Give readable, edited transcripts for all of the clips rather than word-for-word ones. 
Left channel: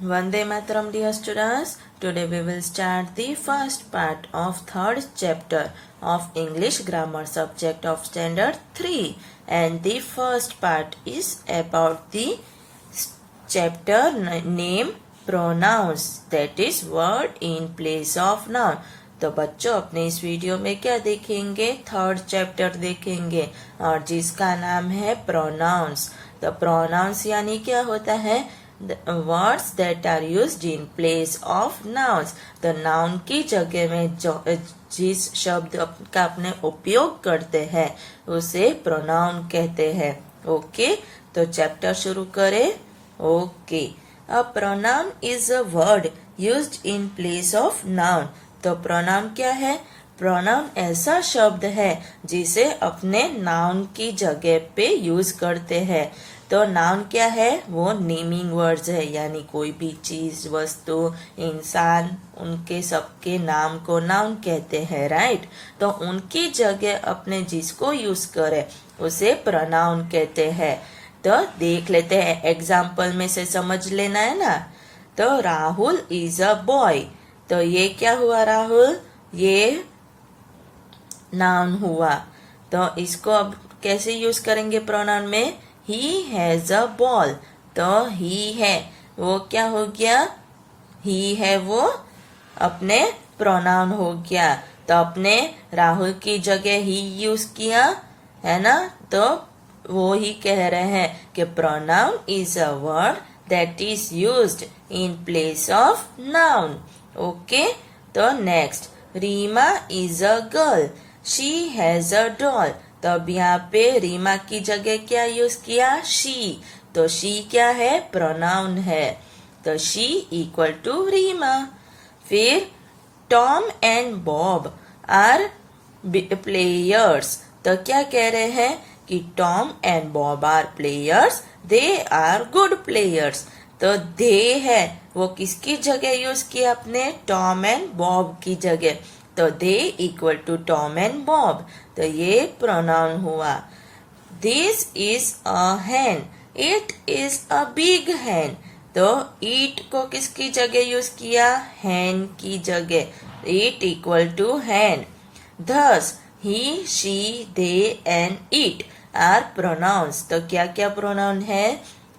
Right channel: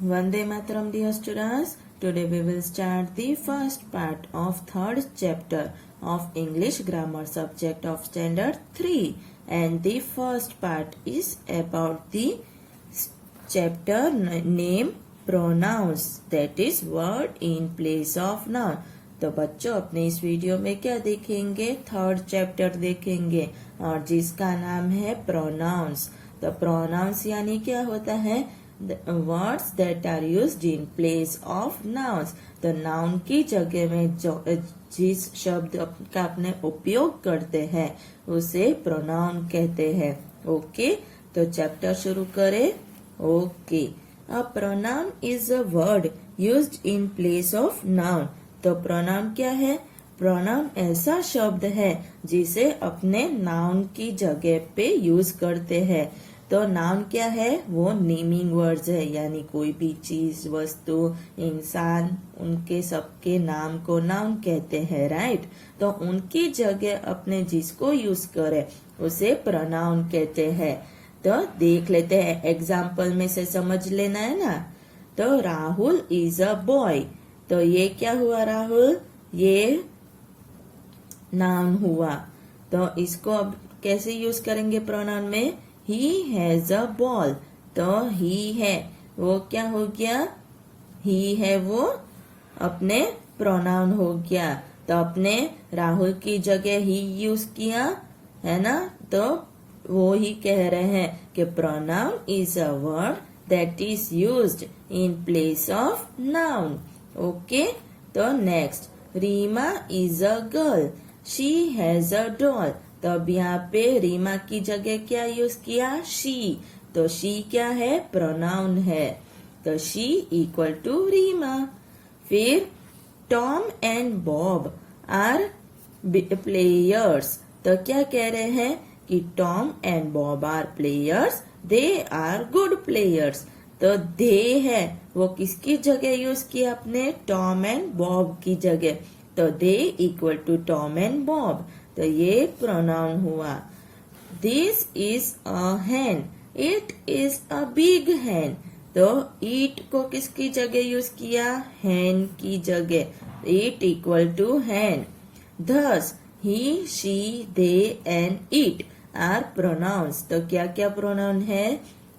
Vande Mataram, dear students. Today we will start the first part of third chapter of English grammar subject of standard 3, and the first part is about the chapter name pronouns, that is word in place of noun. तो बच्चों अपने इस video में क्या देखेंगे, third chapter देखेंगे और जिसका नाम है प्रोनाउंस। तो प्रोनाउंस यानी क्या होता है, words that are used in place of nouns. तो नाउन की जगह में जो जिस शब्द का अपने उपयोग करते हैं उसे प्रोनाउन कहते हैं। ओके, तो चैप्टर शुरू करें। Okay, a pronoun is a word used in place of noun. तो प्रोनाउन क्या है, प्रोनाउन ऐसा शब्द है जिसे अपने नाउन की जगह पे यूज करते हैं। तो नाउन क्या है, वो नेमिंग वर्ड्स है, यानी कोई भी चीज, वस्तु, इंसान, उनके सबके नाम को नाउन कहते हैं, राइट। तो उनकी जगह अपने जिसको यूज करे उसे प्रोनाउन कहते हैं। तो देख लेते हैं, एग्जाम्पल में से समझ लेना है ना। तो राहुल इज अ बॉय। तो ये क्या हुआ राहुल, ये नाउन हुआ। तो इसको अब कैसे यूज करेंगे प्रोनाउन में, ही हैज अ बॉल। तो ही है वो क्या हो गया, ही है वो अपने प्रोनाउन हो गया। तो अपने राहुल की जगह ही यूज किया है ना। तो वो ही कह रहे हैं कि pronoun is a word that is used in place of noun. Okay, तो next, Reema is a girl, she has a doll. तो अब यहाँ पे रीमा की जगह क्या यूज किया, शी। तो शी क्या है, प्रोनाउन है। तो शी इक्वल टू रीमा। फिर Tom and Bob are players. तो क्या कह रहे हैं कि Tom and Bob are players, they are good players. तो दे है वो किसकी जगह यूज किया, अपने टॉम एंड बॉब की जगह। तो they equal to Tom and Bob. तो ये प्रोनाउन हुआ। This is a hen, it is a big hen. तो ईट को किसकी जगह यूज किया, हैन की जगह। It equal to hen. Thus he, she, they and it are pronouns. तो क्या क्या प्रोनाउन है,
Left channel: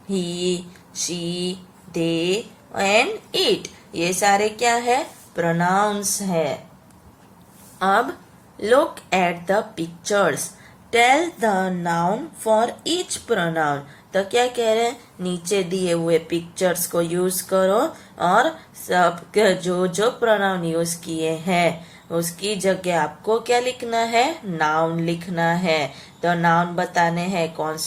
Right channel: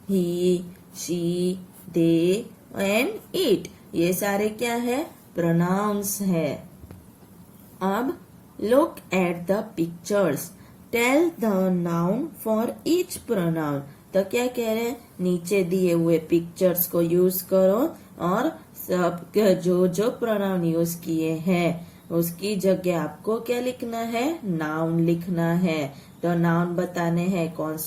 he, she, they and it, ये सारे क्या है, प्रोनाउंस है। अब look at the pictures, tell the noun for each pronoun. तो क्या कह रहे हैं, नीचे दिए हुए पिक्चर्स को यूज करो और सब जो जो प्रोनाउन यूज किए हैं उसकी जगह आपको क्या लिखना है, नाउन लिखना है। तो नाउन बताने हैं कौन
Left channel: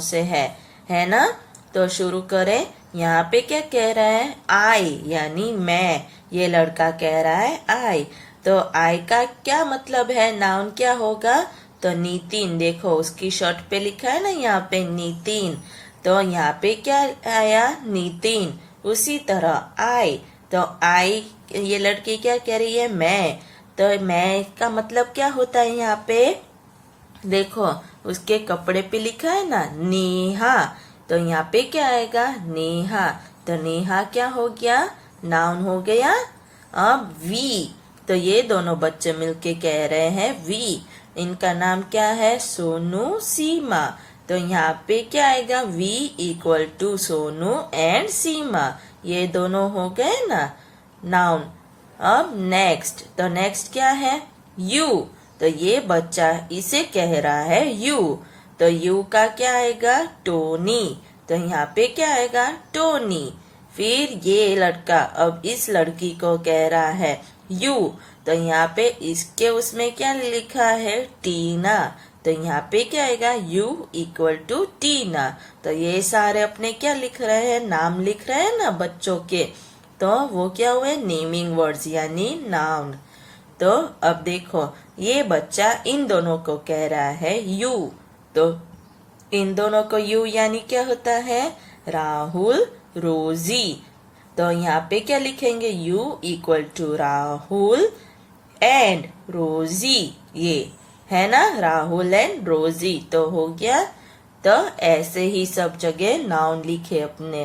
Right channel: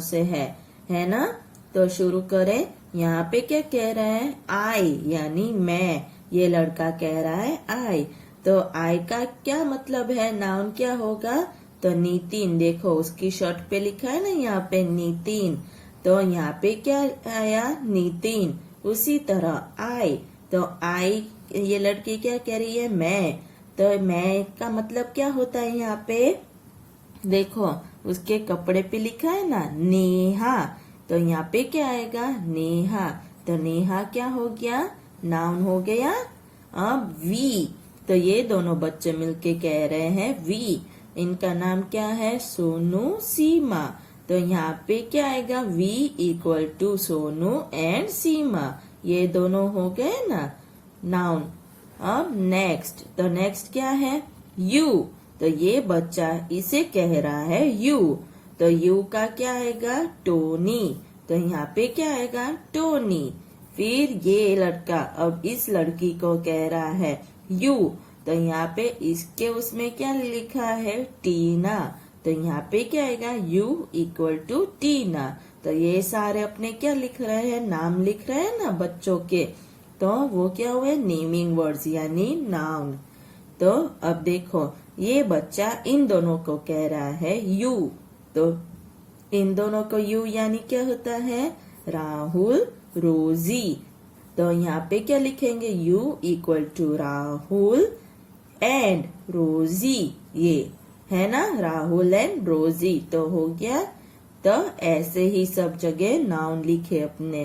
से है ना। तो शुरू करें। यहाँ पे क्या कह रहा है, आई यानी मैं। ये लड़का कह रहा है आई। तो आई का क्या मतलब है, नाउन क्या होगा, तो नितिन। देखो उसकी शर्ट पे लिखा है ना यहाँ पे नितिन। तो यहाँ पे क्या आया, नितिन। उसी तरह आई, तो आई ये लड़की क्या कह रही है, मैं। तो मैं का मतलब क्या होता है, यहाँ पे देखो उसके कपड़े पे लिखा है ना नेहा। तो यहाँ पे क्या आएगा, नेहा। तो नेहा क्या हो गया, नाउन हो गया। अब वी, तो ये दोनों बच्चे मिलके कह रहे हैं वी। इनका नाम क्या है, सोनू, सीमा। तो यहाँ पे क्या आएगा, we equal to Sonu and Seema. ये दोनों हो गए ना नाउन। अब नेक्स्ट, तो नेक्स्ट क्या है, यू। तो ये बच्चा इसे कह रहा है यू। तो यू का क्या आएगा, टोनी। तो यहाँ पे क्या आएगा, टोनी। फिर ये लड़का अब इस लड़की को कह रहा है यू। तो यहाँ पे इसके उसमें क्या लिखा है, टीना। तो यहाँ पे क्या आएगा, यू इक्वल टू टीना। तो ये सारे अपने क्या लिख रहे हैं, नाम लिख रहे हैं ना बच्चों के। तो वो क्या हुए, नेमिंग वर्ड्स यानी नाउन। तो अब देखो ये बच्चा इन दोनों को कह रहा है यू। तो इन दोनों को यू यानी क्या होता है, राहुल, रोजी। तो यहाँ पे क्या लिखेंगे, you equal to Rahul and Rosie. ये है ना, राहुल एंड रोजी। तो हो गया। तो ऐसे ही सब जगह नाउन लिखे अपने।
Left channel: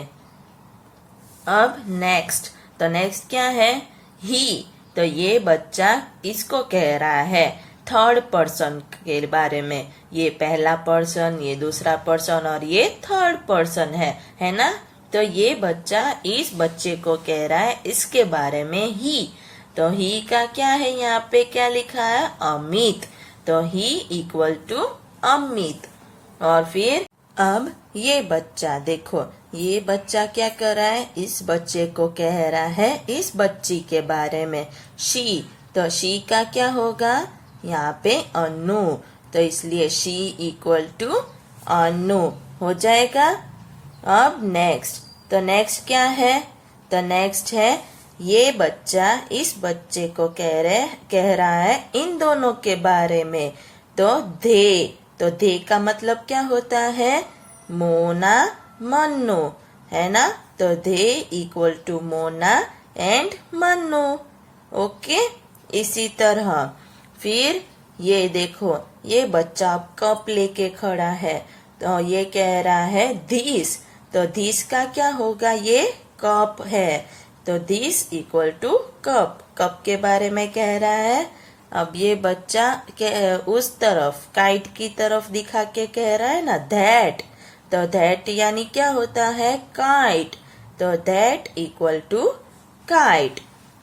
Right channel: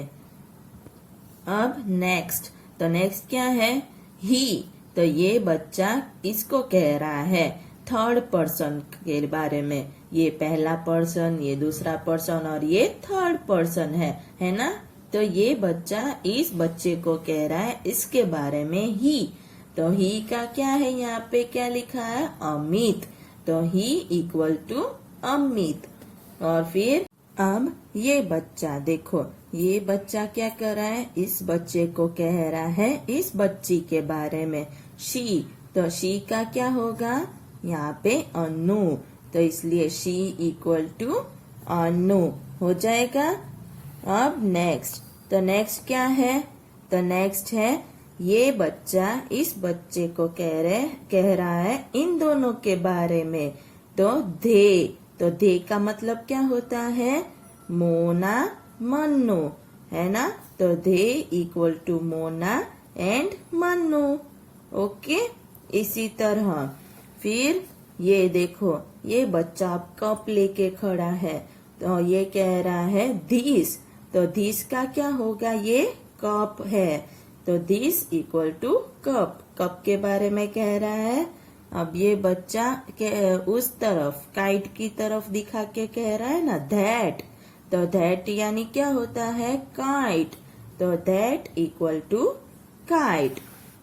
अब नेक्स्ट, तो नेक्स्ट क्या है? ही। तो ये बच्चा इसको कह रहा है थर्ड पर्सन के बारे में। ये पहला पर्सन, ये दूसरा पर्सन और ये थर्ड पर्सन है ना? तो ये बच्चा इस बच्चे को कह रहा है इसके बारे में ही। तो ही का क्या है? यहाँ पे क्या लिखा है? अमित। तो ही इक्वल टू अमित। और फिर अब ये बच्चा देखो, ये बच्चा क्या कर रहा है? इस बच्चे को कह रहा है इस बच्ची के बारे में शी। तो शी का क्या होगा? यहाँ पे अनु। तो इसलिए शी इक्वल टू अनु हो जाएगा। अब नेक्स्ट, तो नेक्स्ट क्या है? तो नेक्स्ट है ये बच्चा इस बच्चे को कह रहा है इन दोनों के बारे में। तो दे। तो दे का मतलब क्या होता है? मोना मन्नू, है ना? तो they equal to Mona and Mannu. Okay, इसी तरह फिर ये देखो, ये बच्चा अब कप लेके खड़ा है। तो ये कह रहा है दिस। तो दिस का क्या होगा? ये कप है। तो this equal to cup. Cup के बारे में कह रहा है। अब ये बच्चा उस तरफ काइट की तरफ दिखा के कह रहा है ना दैट। तो दैट यानी क्या होता है? काइट। तो दैट इक्वल टू काइट।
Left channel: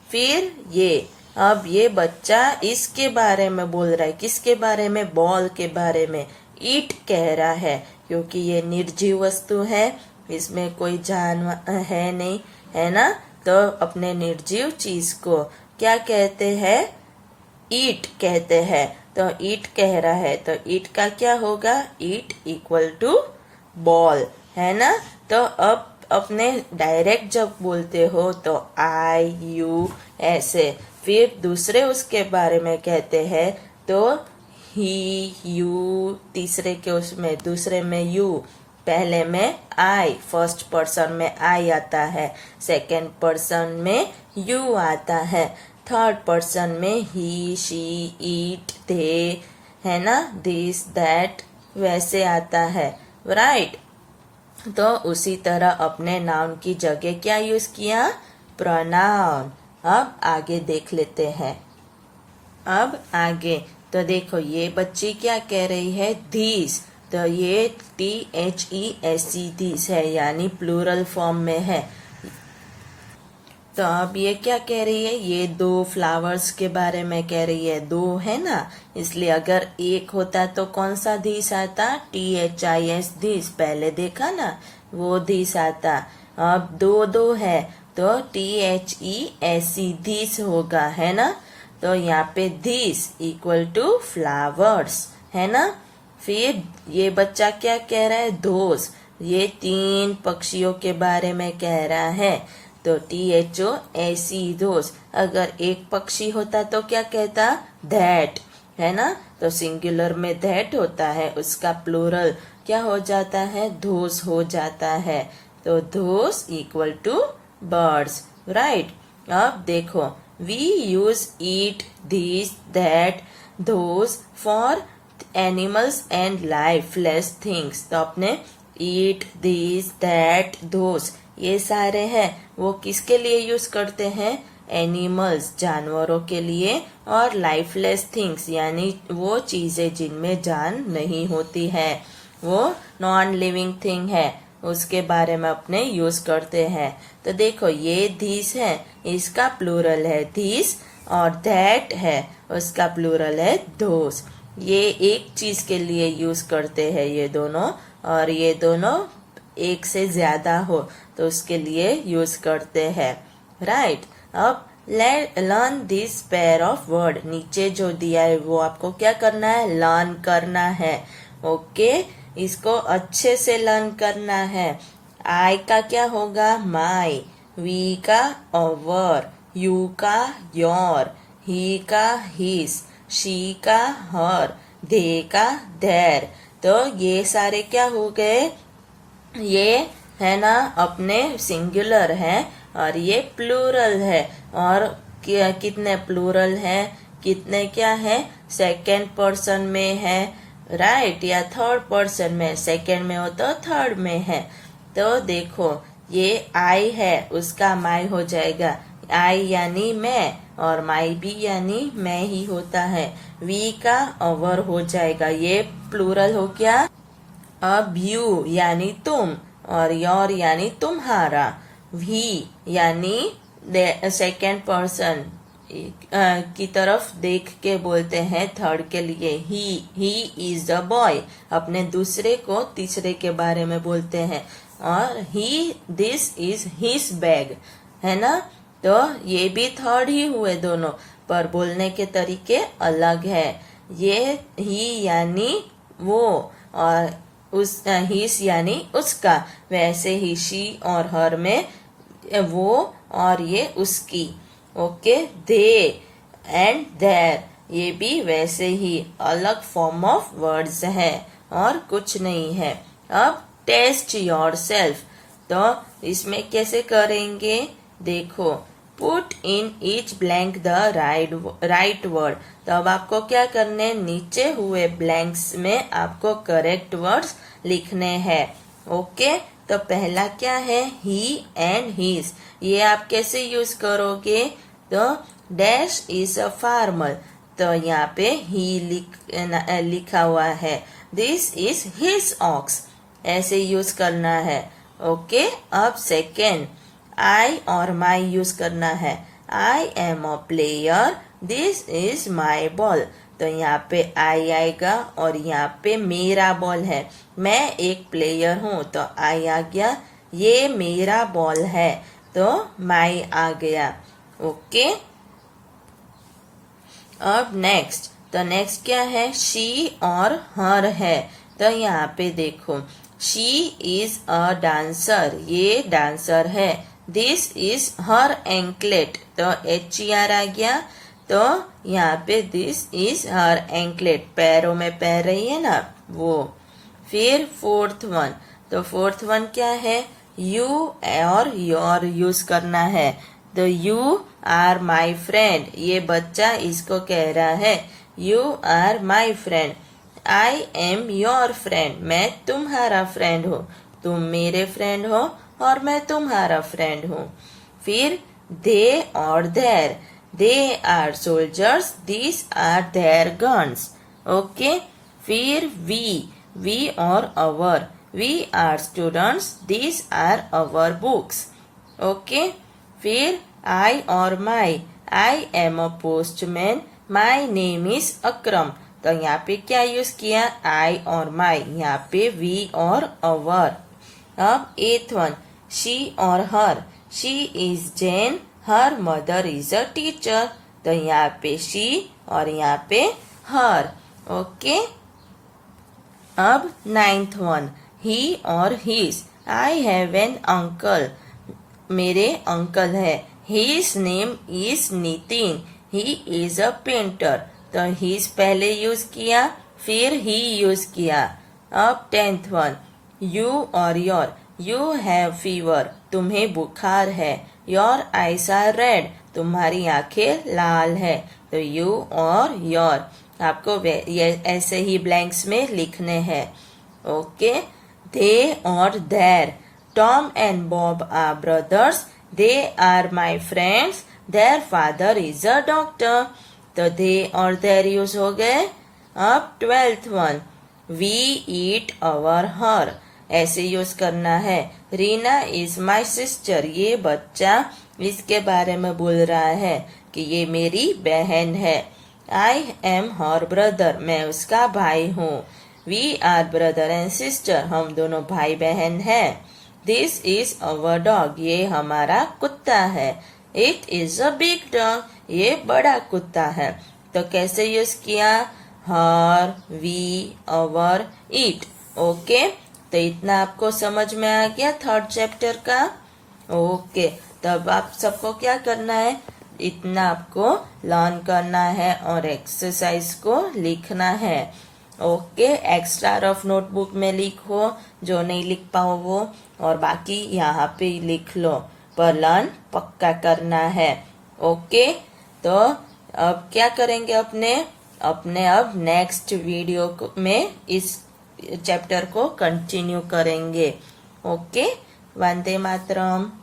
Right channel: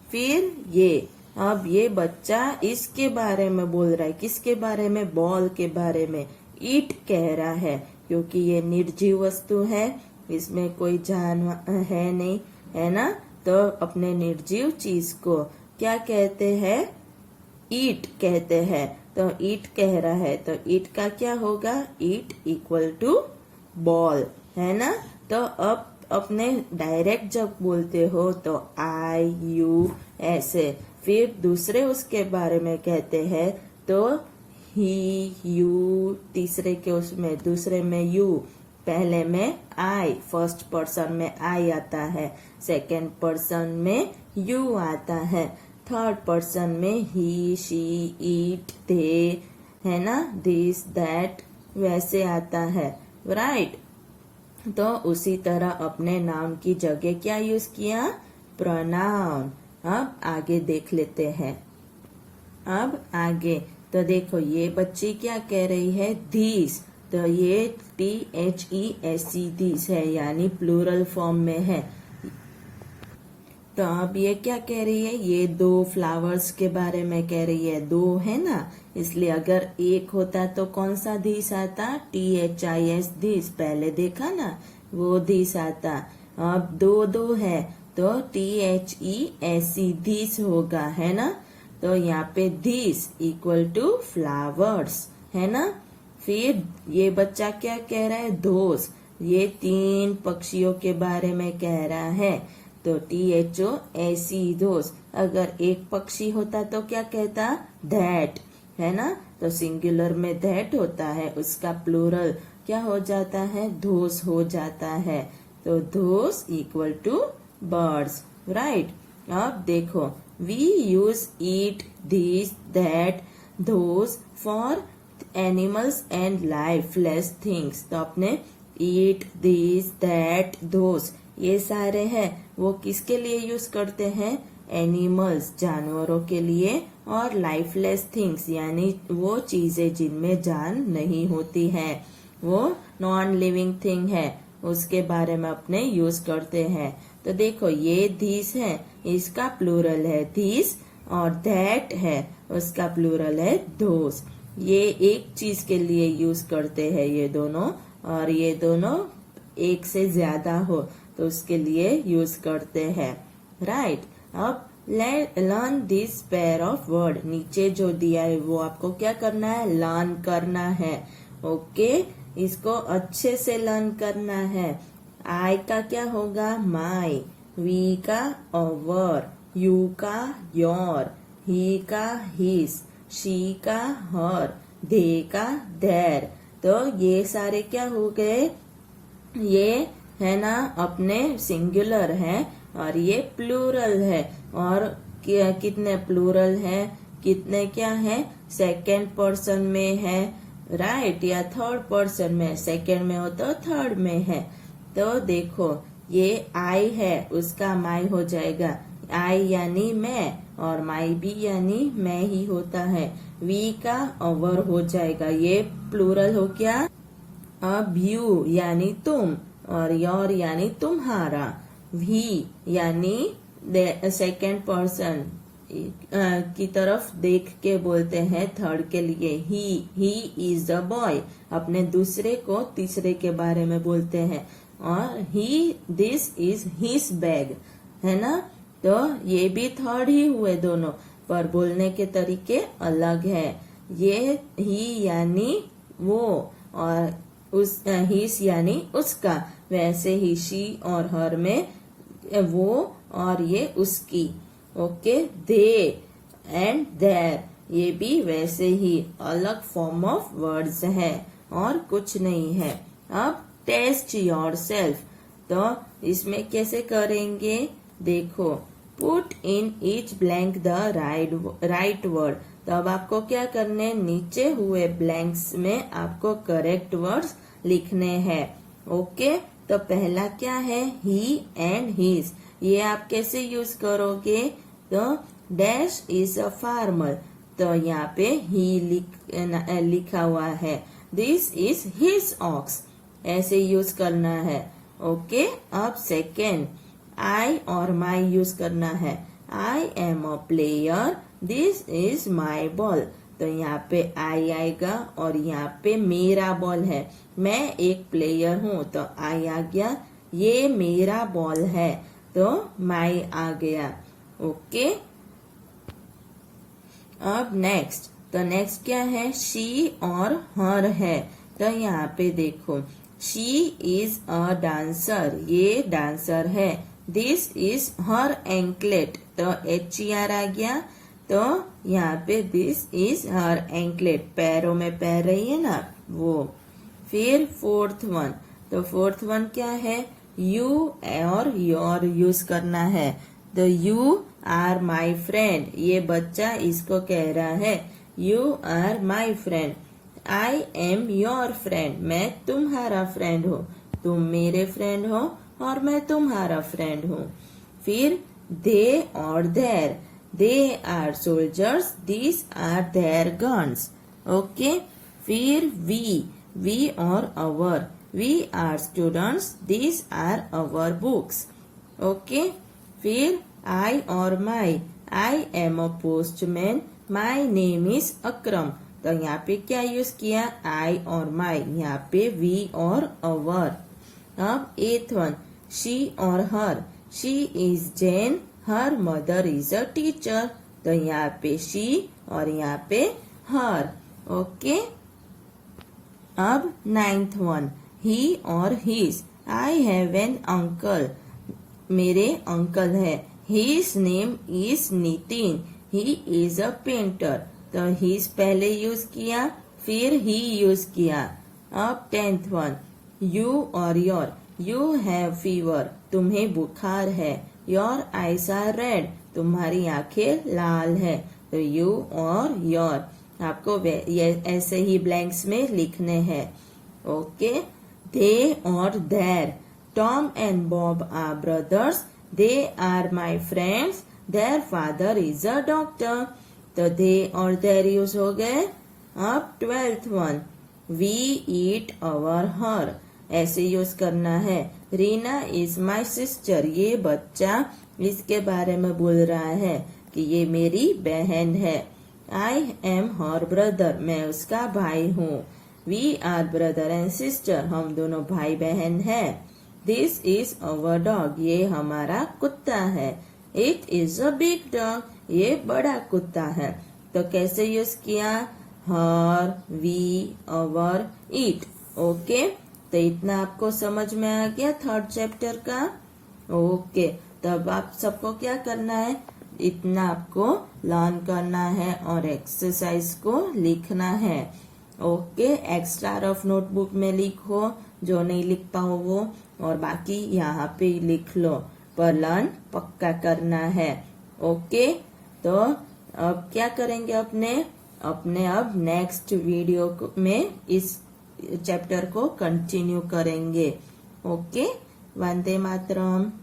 फिर ये अब ये बच्चा इसके बारे में बोल रहा है। किसके बारे में? बॉल के बारे में। ईट कह रहा है क्योंकि ये निर्जीव वस्तु है, इसमें कोई जानवर है नहीं, है ना? तो अपने निर्जीव चीज को क्या कहते हैं? ईट कहते हैं। तो ईट कह रहा है, तो ईट का क्या होगा? ईट इक्वल टू बॉल, है ना? तो अब अपने डायरेक्ट जब बोलते हो तो आई यू ऐसे, फिर दूसरे उसके बारे में कहते हैं तो ही यू, तीसरे के उसमें दूसरे में यू, पहले में आई, फर्स्ट पर्सन में आई आता है, सेकंड पर्सन में यू आता है, थर्ड पर्सन में ही शी इट दे, है ना? दिस दैट वैसे आता है, राइट? तो उसी तरह अपने नाउन की जगह क्या यूज किया? प्रोनाउन। अब आगे देख लेते हैं। अब आगे तो देखो, ये बच्ची क्या कह रही है? दिस। तो ये THESE दिस है, यानी प्लूरल फॉर्म में है। तो अब ये क्या कह रही है? ये दो फ्लावर्स के बारे में कह रही है। दो है ना, इसलिए अगर एक होता तो कौन सा दिस आता? THIS दिस, पहले देखा ना, वो दिस आता। अब दो दो है तो THESE दिस होगा, है ना? तो यहाँ पे दिस इक्वल टू फ्लावर्स, है ना? फिर ये बच्चा क्या कह रहा है? दोस। ये तीन पक्षियों के बारे में कह रहा है। तो THOSE दोस। अगर एक पक्षी होता तो क्या कहता? दैट, है ना? तो सिंगुलर में दैट होता है, उसका प्लूरल क्या हो जाता है? दोस हो जाता है। तो those equal to birds, right? अब देखो, we use it, this, that, those for animals and lifeless things. तो अपने ईट, दिस, दैट, दोस ये सारे हैं, वो किसके लिए यूज करते हैं? एनिमल्स, जानवरों के लिए, और लाइफलेस थिंग्स यानी वो चीजें जिनमें जान नहीं होती है, वो नॉन लिविंग थिंग है, उसके बारे में अपने यूज करते हैं। तो देखो, ये दिस है, इसका प्लूरल है दिस, और दैट है, उसका प्लूरल है दोस। ये एक चीज के लिए यूज करते हैं ये दोनों, और ये दोनों एक से ज्यादा हो तो उसके लिए यूज करते हैं, राइट? अब learn this pair of word. नीचे जो दिया है वो आपको क्या करना है? लर्न करना है। ओके, इसको अच्छे से लर्न करना है। आई का क्या होगा? माई, वी का अवर, यू का योर, ही का हिस, शी का हर, दे का देर। तो ये सारे क्या हो गए? ये है ना अपने सिंगुलर है, और ये प्लूरल है। और कितने प्लूरल है, कितने क्या है? सेकेंड पर्सन में है, राइट? या थर्ड पर्सन में? सेकेंड में हो तो थर्ड में है। तो देखो, ये आई है उसका माई हो जाएगा, आई यानी मैं और माई भी यानी मैं ही होता है, वी का अवर हो जाएगा, ये प्लूरल हो गया। अब यू यानी तुम और योर यानी तुम्हारा, वी यानी सेकेंड पर्सन की तरफ देख के बोलते हैं थर्ड के लिए, ही इज द बॉय, अपने दूसरे को तीसरे के बारे में बोलते हैं, और ही दिस इज हिज बैग, है ना। तो ये भी थर्ड ही हुए दोनों, पर बोलने के तरीके अलग है। ये ही यानी वो और उस हिस यानी उसका, वैसे ही शी और हर में वो और ये उसकी। ओके, दे एंड देयर ये भी वैसे ही अलग फॉर्म ऑफ वर्ड्स है और कुछ नहीं है। अब टेस्ट योर सेल्फ, तो इसमें कैसे करेंगे देखो, put in each blank the right word. तो अब आपको क्या करने, नीचे हुए ब्लैंक्स में आपको करेक्ट वर्ड्स लिखने हैं। ओके, तो पहला क्या है, ही एंड हिज, ये आप कैसे यूज करोगे, तो डैश इज अ फार्मर, तो यहाँ पे ही लिखा हुआ है, दिस इज हिज ऑक्स, ऐसे यूज करना है। ओके, अब सेकेंड, आई और माई यूज करना है, आई am a player, this is my ball, तो यहाँ पे आई आएगा और यहाँ पे मेरा बॉल है, मैं एक प्लेयर हूँ तो आई आ गया, ये मेरा बॉल है तो माई आ गया। ओके, अब नेक्स्ट, तो नेक्स्ट क्या है, शी और हर है, तो यहाँ पे देखो, शी इज अ डांसर, ये डांसर है, दिस इज हर एंकलेट, तो HER आ गया, तो यहाँ पे दिस इज हर एंकलेट, पैरों में पैर रही है ना वो। फिर फोर्थ वन, तो फोर्थ वन क्या है, यू और योर यूज करना है, तो यू आर माई फ्रेंड, ये बच्चा इसको कह रहा है, you are my friend, I am your friend, मैं तुम्हारा फ्रेंड हूँ, तुम मेरे फ्रेंड हो और मैं तुम्हारा फ्रेंड हूँ। फिर दे और their, they are soldiers, this are their guns. Okay, फिर वी और our, we are students, this are our books. Okay, फिर आई और my, I am a postman, my name is Akram, तो यहाँ पे क्या यूज किया, आई और माई, यहाँ पे वी और अवर। अब एथ वन, शी और her, she is Jane, her mother is a teacher, तो यहाँ पे शी और यहाँ पे हर। ओके, अब नाइन्थ वन, ही और his, I have an uncle, मेरे अंकल है, his name is Nitin, he is a painter, तो हिज पहले यूज किया फिर ही यूज किया। अब टेंथ वन, यू और योर, यू हैव फीवर, तुम्हें बुखार है, योर आईज आर रेड, तुम्हारी आंखें लाल है, तो यू और योर आपको ये ऐसे ही ब्लैंक्स में लिखने हैं। ओके, दे और there, Tom and Bob are brothers, they are my friends, their father is a doctor, तो दे और देयर यूज हो गए। अब twelfth one, we it our her, ऐसे यूज करना है, रीना इज माई सिस्टर, ये बच्चा इसके बारे में बोल रहा है कि ये मेरी बहन है, आई एम हर ब्रदर, मैं उसका भाई हूँ, we are brother and sister, हम दोनों भाई बहन हैं, दिस इज अवर डॉग, ये हमारा कुत्ता है, it is a big dog, ये बड़ा कुत्ता है, तो कैसे यूज किया, हर, वी, अवर, इट। ओके, तो इतना आपको समझ में आ गया थर्ड चैप्टर का। ओके, तब आप सबको क्या करना है, इतना आपको लर्न करना है और एक्सरसाइज को लिखना है। ओके, एक्स्ट्रा रफ नोटबुक में लिखो, जो नहीं लिख पाओ वो, और बाकी यहाँ पे लिख लो, पर लर्न पक्का करना है। ओके, तो अब क्या करेंगे अपने अब नेक्स्ट वीडियो में इस चैप्टर को कंटिन्यू करेंगे। ओके, वंदे मातरम.